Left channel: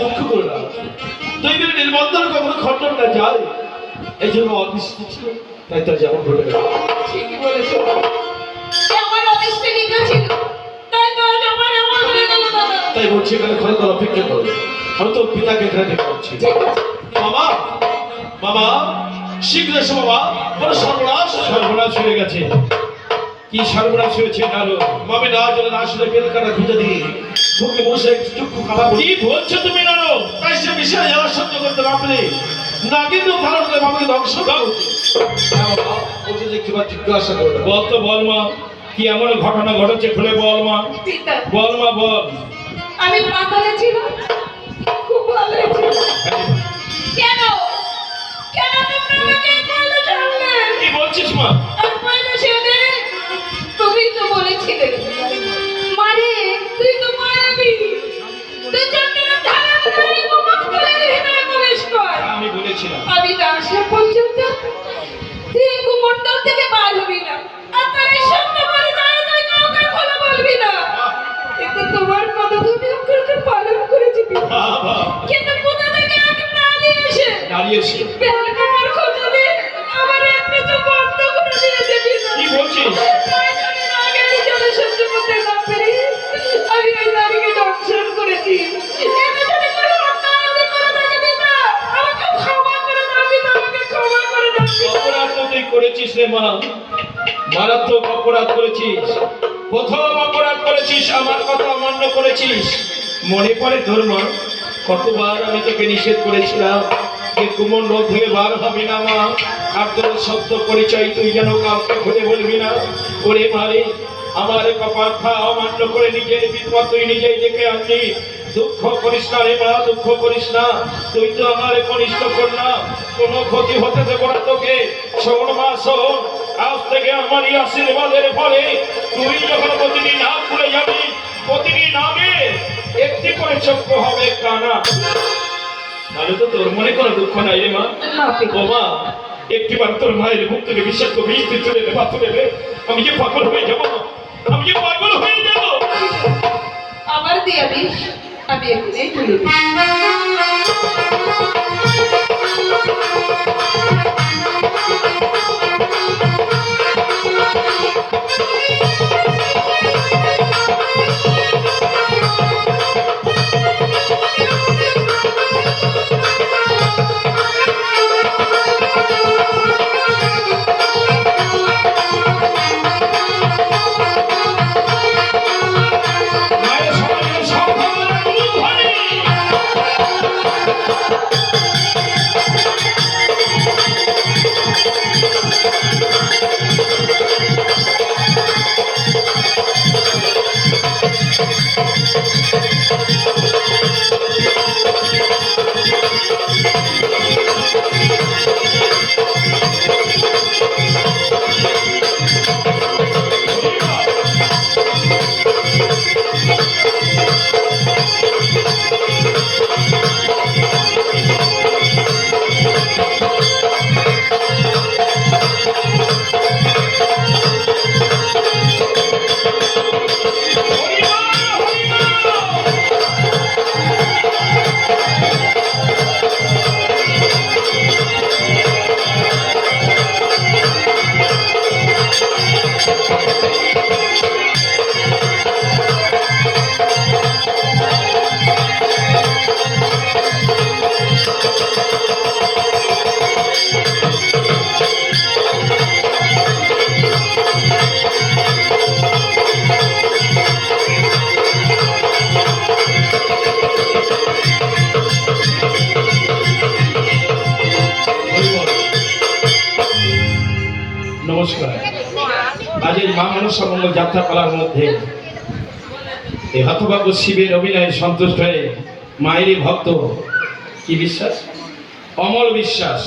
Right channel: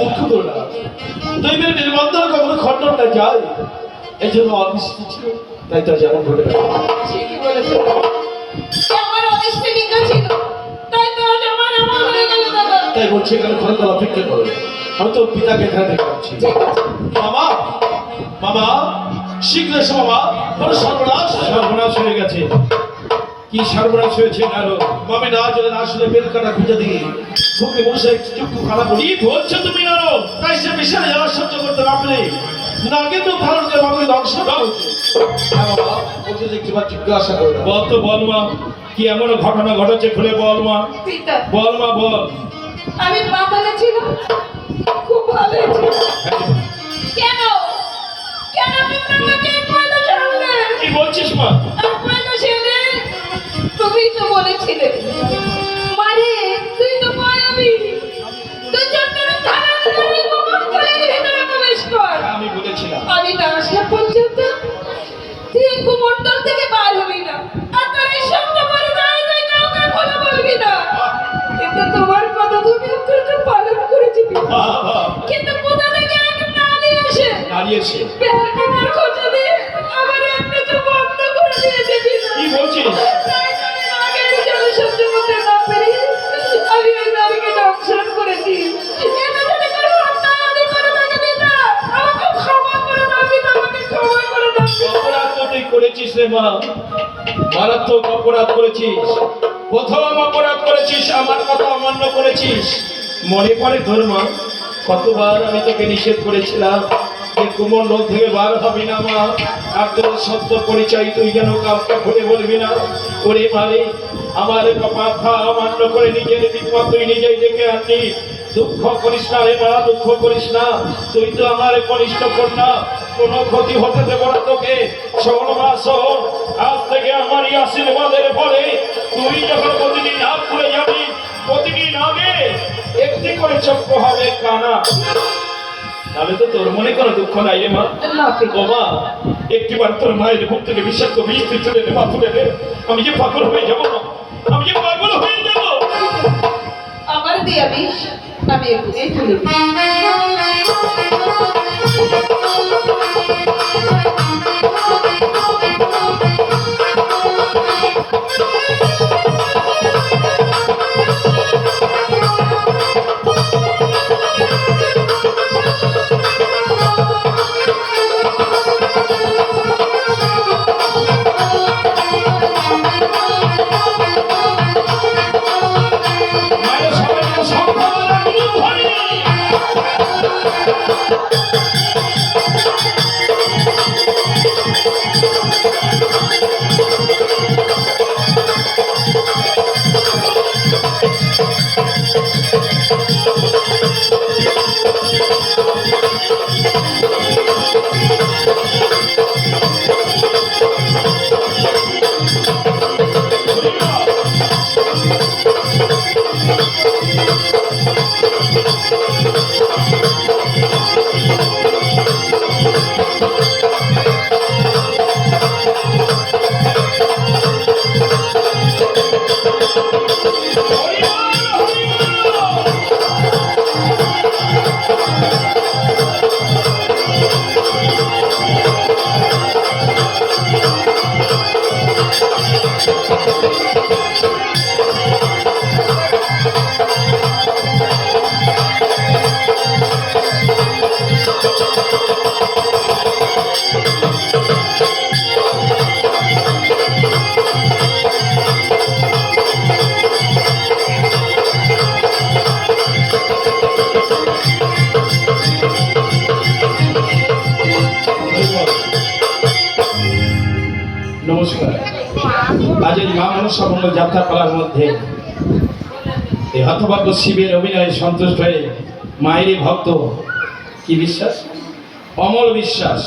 দুঃখ করো না, দৈবের নির্বন্ধন কখনো খণ্ডন না যায়, এই জন্য অদৃষ্ট ছিল, তাই তা যেমন ঘটে গেল। ঠিকই বলেছো, আমার অদৃষ্ট লিখা ছিল, তাই তো আজ আমার এমন হয়ে গেল দাদা। তাই বলছি এখানে ঘরে তো অপেক্ষা করো, আমি তোর পিতাকে এখানে দেখে পাচ্ছি। মামা, মামা শীঘ্র এসো মামা, বড় সর্বনাশ, সর্বনাশ হয়ে গেছে। কি সর্বনাশ হয়েছে? আরো মামি না জলে না শুনে বেল কাটা খুঁজে দিয়ে মুখে বসে চক্ষু কালা বলি। কি বলছো তুমি নারো? তাই সে বিশাল জ্বালা সহ্য করতে না পেরে না কিন্তু ভালো করে মামিকে ধ্বংস দাও। বলছে যে কিবা জিজ্ঞাসা করো, বল তো বল মা, কি এমন ঘটনা ঘটেছে খুলে বল মা। পিতা, বল মা বল। আমি পাতালে ছিলাম, খুব ভালো ছিল। কেন কেন তুমি আমাকে পয়লা জানলে? কি বলছিস মা? আর পয়লা ছেলে তুমি তো বলেছিলে মারে তুই তো মায়াবী, তুই চন্দ্রের ধারা ধরে কুমণ্ডলের ভিতরে প্রবেশ কর। আমি বলেছিলাম আমি না আসা পর্যন্ত তুই কুমণ্ডল থেকে বার হবি না, আর তোর এই সঙ্গে বাড়ি যায় তুই কাউকে খোলা বলবি না। কিন্তু তোমার কথা তুমি অক্ষরকে পালন করেছি পিতা। কিন্তু কোথা থেকে এক নারী এসে বেলকুমার খোঁজা দিয়ে আমার একটা চোখ বন্ধ করে দিয়েছে পিতা। কি বলছিস? আগে নিজের সহ্য করতে না পেরে আমি ওই নারীকে দংশন করেছি। এতে যদি কোনো অন্যায় আমি করে থাকি পিতা, আমাকে ক্ষমা করে দাও পিতা, আমাকে ক্ষমা করে দাও পিতা। অপরাধ তো তুই করেছিস রে মা, মারাত্মক অপরাধ করেছিস। প্রথম অপরাধ করেছিস, আমার কথা অমান্য করেছিস। মনে পড়ে তোর মা, কতবার আমি তোকে নিষেধ করেছিলাম যে কুমণ্ডল থেকে বার হবি না মা, আর তোর সত্য পরিচয় তুই যেন কাউকে খুলে বলবি না। ওরে মারে, আমার কথা অমান্য করে নিজের বিপদ তুই নিজেই ডেকে আনলি। দুঃখ করিস না রে মা, দুঃখ করিস না, তুই তো আমার কনিষ্ঠ কন্যা, কোনো ক্ষতি হতে দেব না তোকে। শোন মা শোন, আজ থেকে আমারই আশীর্বাদের ফলে তুই যখন প্রতিদিন হাত খুলে যাবি, প্রতিদিন আগে একটি করে চক্ষু হবে কানা। তাহলে তো তোর মনে কোনো দুঃখ নাই রে মা। ও মা, একটিবার তোর মায়ের মুখ থেকে বিষাক্ত বিষ তুলে নে, তুলে নে। আমি যে পাগল হয়ে যাবো মা, আমি যে পাগল হয়ে যাবো। আমার দিয়া বিষ আমি এখানেই তুলে দিই। সকল যাত্রাপালার মধ্যে এই হতভাগ্য শিবের অভিনয়ে সন্তুষ্ট হয়ে মায়েরই ভক্ত কি বিশ্বাস অমল বিশ্বাস